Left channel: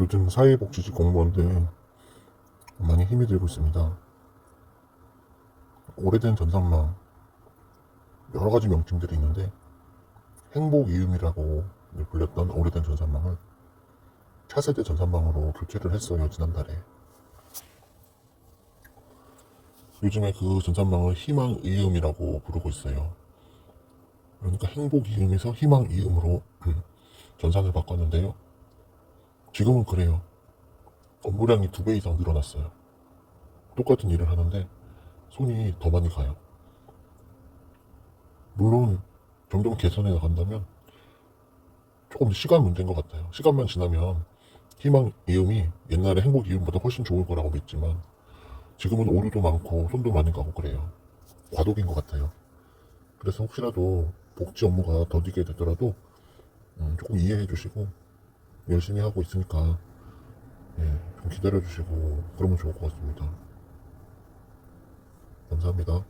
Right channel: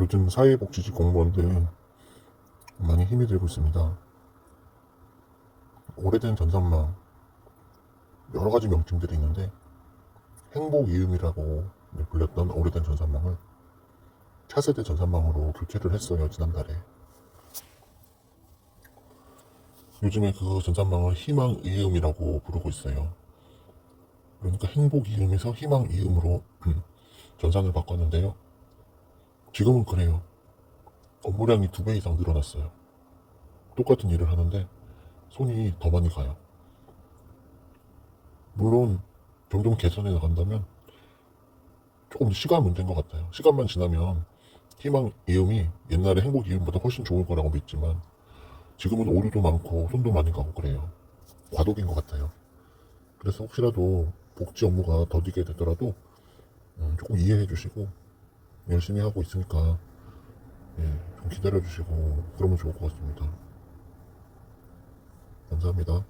요즘 사회복지직 공무원들 많이 힘이 들고 있습니다. 오래된 전산망 여러 가지 명칭들이 있는데 행복 이음이라고 불렸던 오래된 전산망을 차세대 전산망으로 교체를 했어요 지난달에. 요즘에 그 전산망을 희망 이음이라고 부르고 있어요. 그러니까 행복 이음에서 희망 이음으로 전산을 바꿨는데요. 지금은 그래요. 업무량이 두 배 이상 늘어났어요. 똑같은 일을 하는데 손이 더 많이 가요. 물론 점점 개선해 나간다면 조금 시간 문제인 것 같아요. 시간만 지나면 희망 이음이 옛날에 행복 이음보다 훨씬 좋을 거라고 믿지만 지금은 오류도 많고 손도 많이 가고 그래요. 과도기인 것 같아요. 그래서 혹시라도 복지 업무가 더디게 되더라도 음, 조금 이해해 주시고 열심히 하고 있으니까 예, 좀 기다려 주시고 그러면 좋을 것 같습니다. 감사합니다.